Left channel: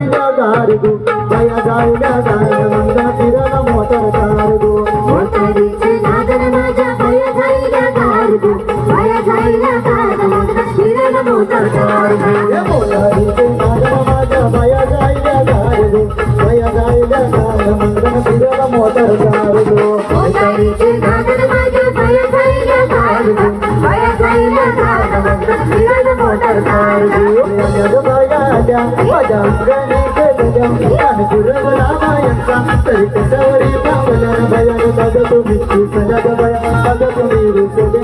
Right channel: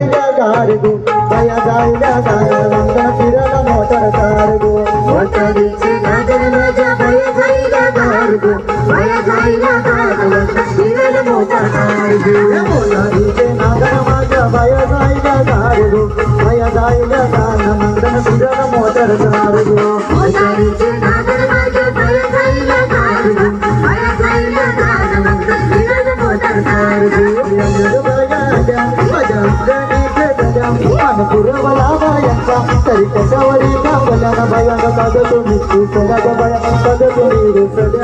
cargo बया जायला गारवंगा फिरला मोटर कारगो मोटारीचे नादन माझ्या बया जायला कारगो बया जायला गारवंगा फिरला मोटर कारगो मोटारीचे नादन माझ्या बया जायला कारगो बया जायला गारवंगा फिरला मोटर कारगो मोटारीचे नादन माझ्या बया जायला कारगो बया जायला गारवंगा फिरला मोटर कारगो माझ्या गणित गजा पानपुरवला बायांचा तरी कशावरी पावला बया बघा तुम्ही बया बघा तुम्ही